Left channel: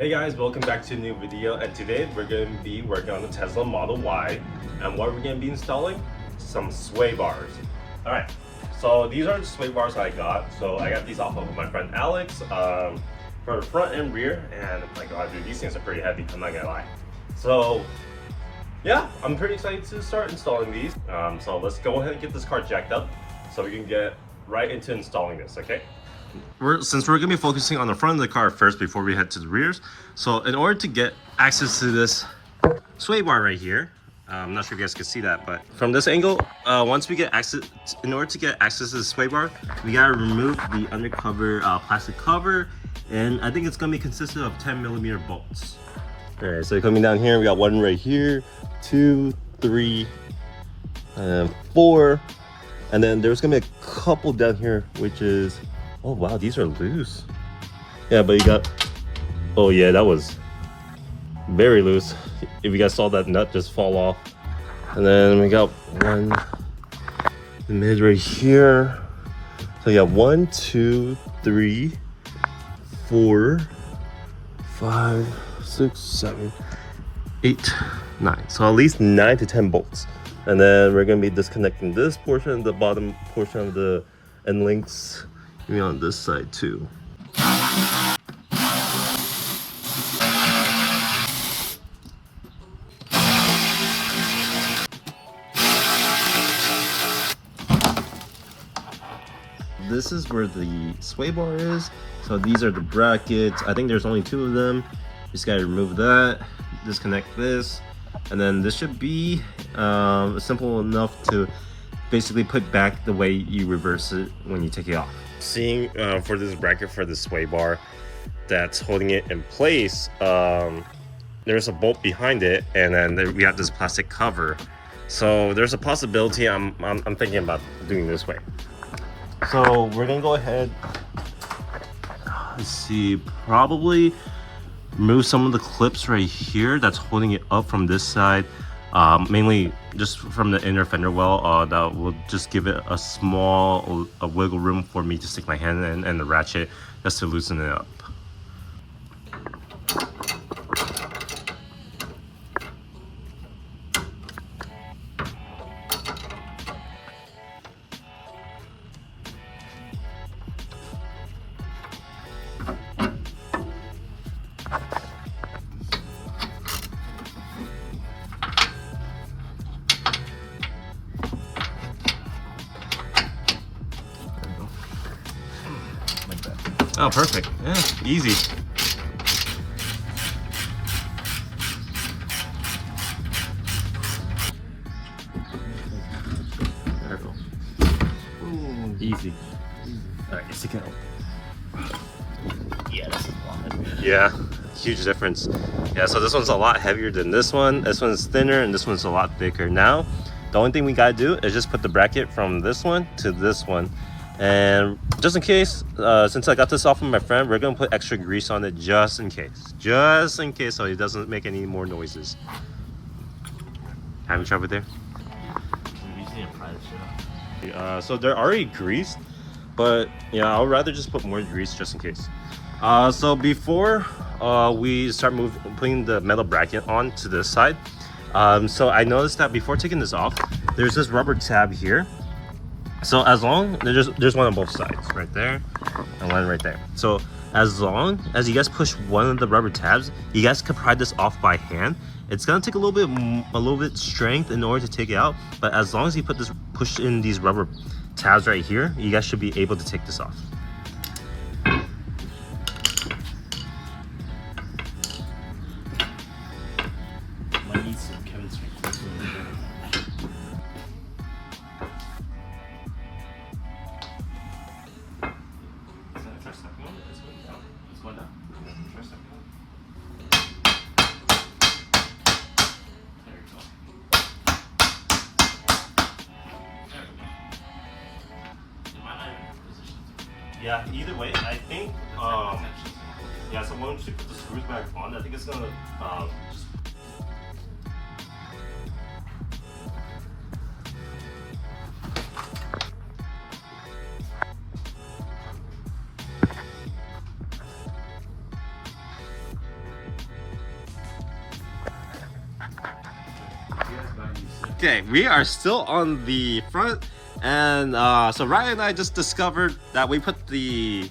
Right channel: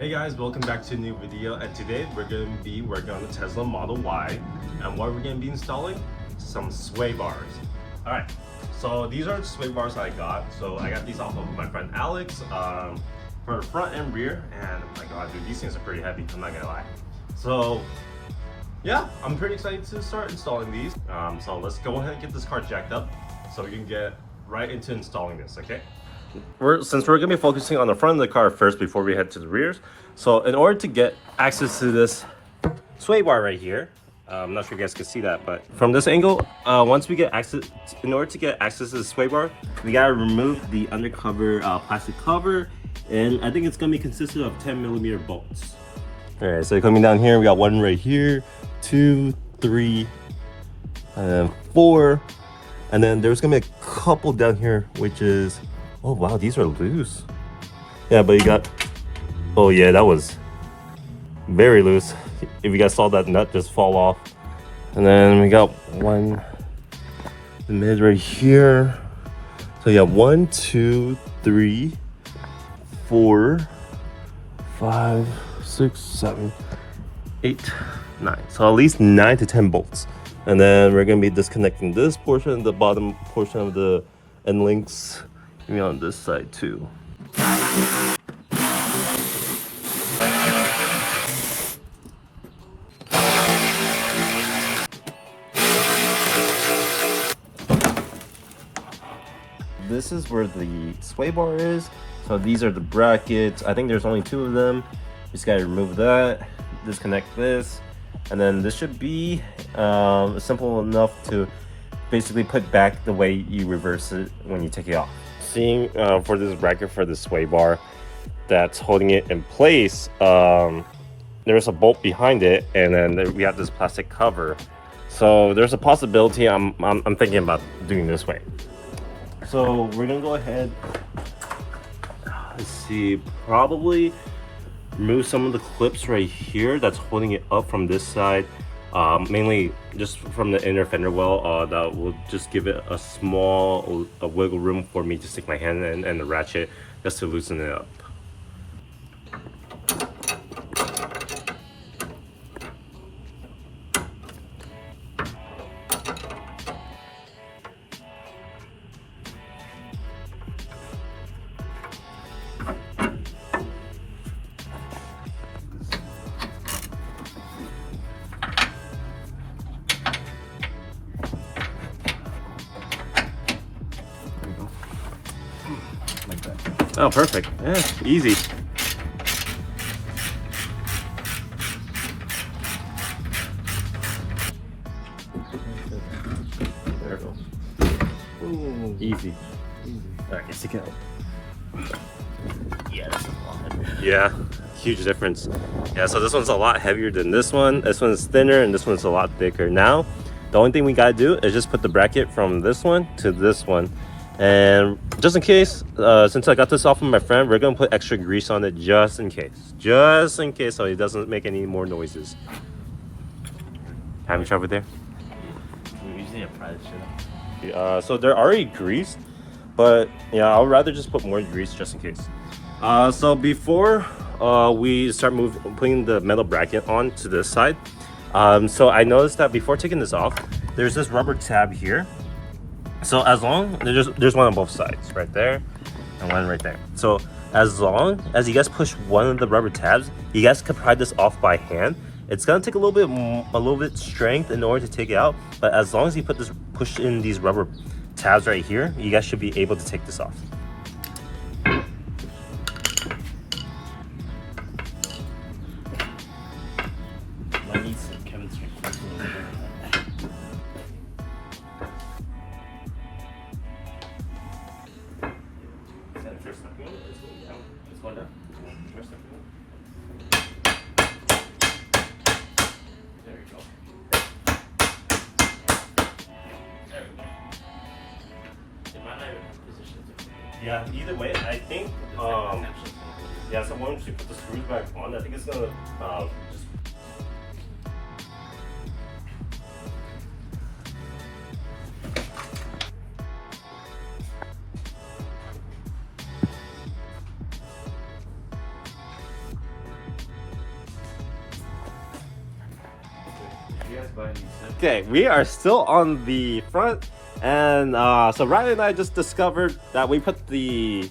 Hey guys, welcome back to a new video, and today we're going to be working on the Tesla Model Y, and what we're going to be installing? Some sway bars. Alright, so these are the sway bars I got. So I got these off of my friend Alex for the front and rear, and oh my god dude, these things are pretty heavy, I'm not gonna lie. So yeah, I'm pretty excited to start installing these. So let's go ahead and get this car jacked up so we can get right into installing this, okay? Since we're gonna be focusing on the front of the car first before we head to the rears, so in order to get access to this sway bar right here, I'm not sure if you guys can see that, but from this angle, once we get access, in order to get access to the sway bar, we gotta remove the undercover plastic cover, and I think it's gonna be consisted of 10mm bolts. All right, so coming down here, we got one right here, 2, 3, 4, and then there's gonna be a couple down here, which is, oh wow, these are loose. Yeah, but you got, oh yeah, that was very loose. If you guys saw that nut just fall off. And then we got one in mid right here. So you got 1, 2, 3, 4, 5, 6, 7, 8, 9. So at least 9 to 10 bolts. And then we're gonna be disconnecting this portion, the bottom portion of the end links, maybe on this side too. This is where the sway bar is. So these are the brackets. I think there's only 2 of them. Just gotta remove that, disconnect this, and then this should be simple enough to basically put back the way you reverse it when you take it off. Seeing for this bracket for the sway bar that's holding it in place, there's a bolt behind it, and then we have this plastic cover. So there's a possibility I'm thinking about doing this way. So we're gonna go ahead, let's see, probably remove some of the clips right here that's holding it up from this side, mainly just from the inner fender well. That will just give it a small wiggle room for me to stick my hand in and the ratchet just to loosen it up. Oh, perfect. Yeah, easy. There we go. Ooh, easy. All right, let's take it out. Yes. Yeah, huge difference. Yeah, so this one's a lot heavier than this one. This one's thinner and this one's a lot thicker. Now, the only thing we gotta do is just put the bracket from this one to this one. And just in case, since I got this off of my friend, we're gonna put extra grease on it just in case so it doesn't make any more noises. Haven't tried with there? So they're already greased, but yeah, I'll rather just put more grease just in case. So before we start putting the metal bracket on to this side, so I noticed that before taking this off, there's this rubber tab here. So as long, there's one on both sides, right there, and one right there. So as long as you guys push one of the rubber tabs, you guys can pry this off by hand. It's gonna take a little bit strength in order to take it out, but as long as you push in these rubber tabs right here, you guys should be able to take this off. Yeah, either way, I think, yeah, so once you put the screws back on, I think it's gonna just Okay, we are still on the front, and so Ryan and I just discovered that we put the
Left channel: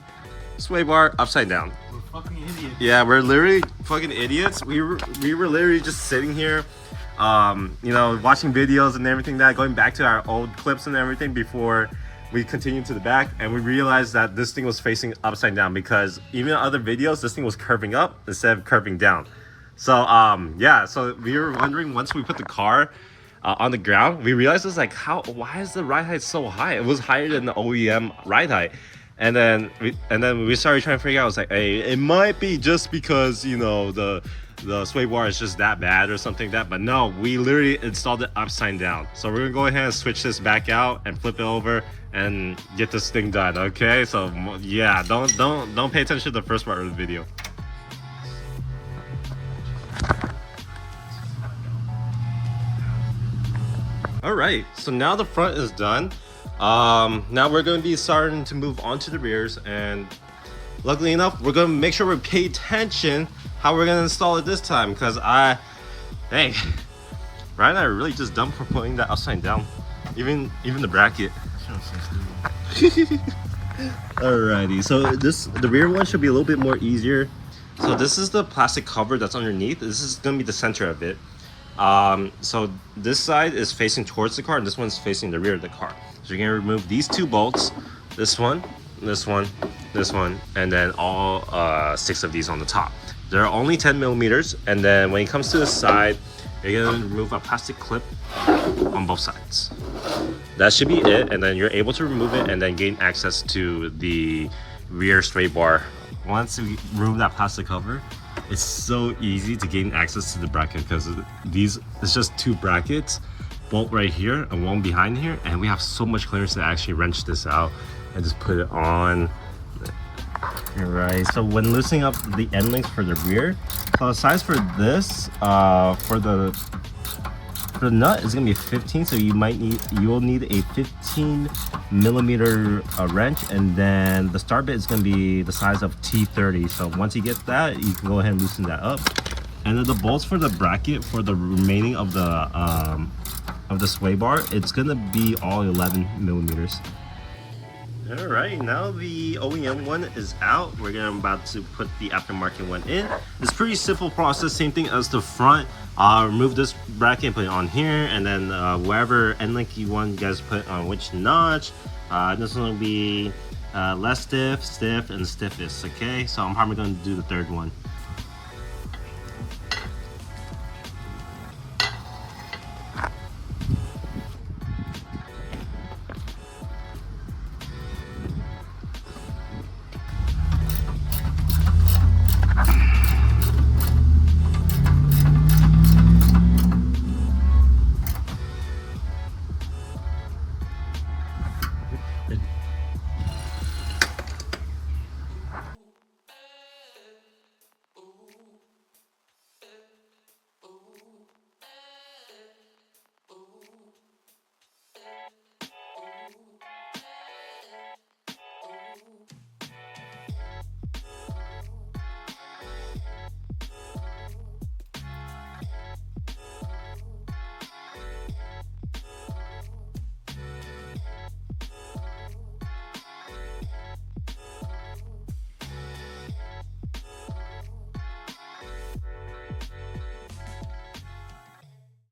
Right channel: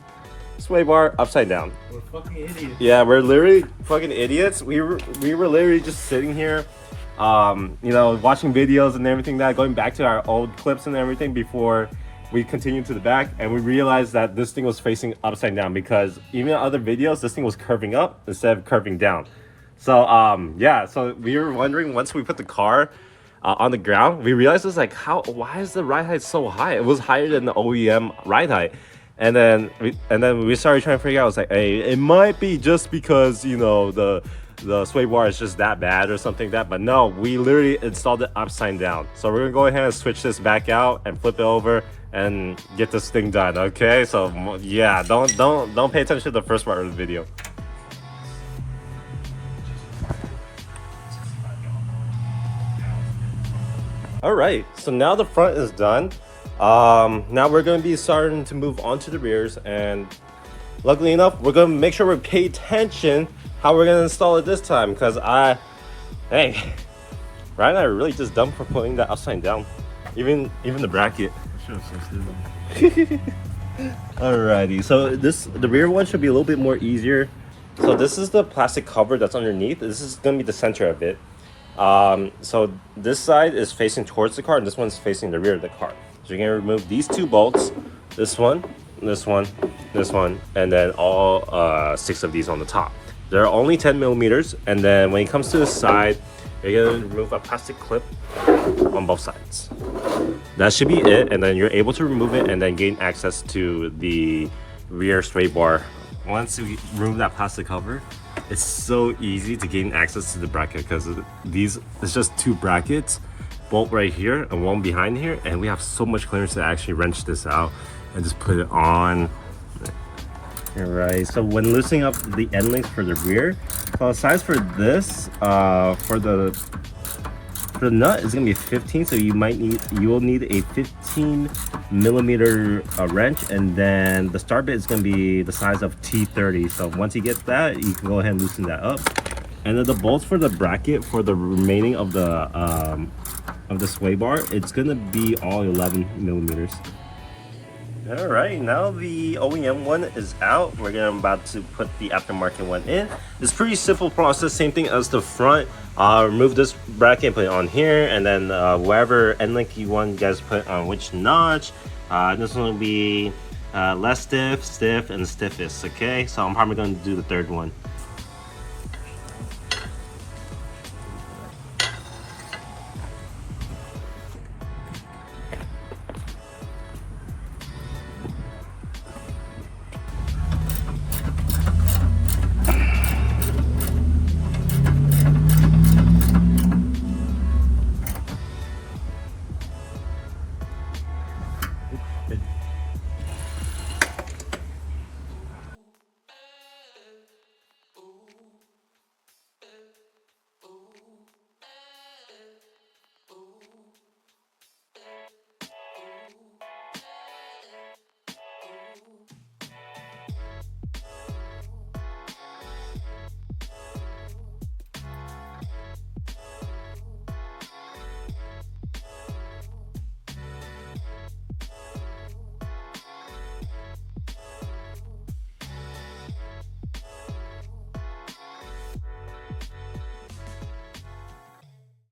sway bar upside down. We're fucking idiots. Yeah, we're literally fucking idiots. We were literally just sitting here, you know, watching videos and everything that, going back to our old clips and everything before we continued to the back, and we realized that this thing was facing upside down because even in other videos, this thing was curving up instead of curving down. So yeah, so we were wondering once we put the car on the ground, we realized it's like, why is the ride height so high? It was higher than the OEM ride height. And then we started trying to figure out. I was like, hey, it might be just because, you know, the sway bar is just that bad or something like that. But no, we literally installed it upside down. So we're gonna go ahead and switch this back out and flip it over and get this thing done. Okay, so yeah, don't pay attention to the first part of the video. All right, so now the front is done. Now we're going to be starting to move on to the rears, and luckily enough, we're going to make sure we pay attention how we're going to install it this time, because hey, Ryan and I are really just dumb for putting that upside down, even the bracket. Alrighty, so the rear one should be a little bit more easier. So this is the plastic cover that's underneath. This is going to be the center of it. So this side is facing towards the car, and this one's facing the rear of the car. So you're gonna remove these two bolts, this one, this one, this one, and then all 6 of these on the top. They're only 10 millimeters, and then when it comes to the side, you're gonna remove a plastic clip on both sides. That should be it, and then you're able to remove it and then gain access to the rear sway bar. Once we remove that plastic cover, it's so easy to gain access to the bracket because it's just 2 brackets, bolt right here and one behind here, and we have so much clearance to actually wrench this out and just put it on. Alright, so when loosening up the end links for the rear, so the size for this, for the nut is gonna be 15, so you will need a 15 millimeter wrench, and then the start bit is gonna be the size of T30. So once you get that, you can go ahead and loosen that up. And then the bolts for the bracket for the remaining of the sway bar, it's gonna be all 11 millimeters. All right, now the OEM one is out. We're about to put the aftermarket one in. It's pretty simple process, same thing as the front. Remove this bracket, put it on here, and then wherever end length you want, you guys put on which notch. This one will be less stiff, stiff, and the stiffest. Okay, so I'm probably going to do the third one.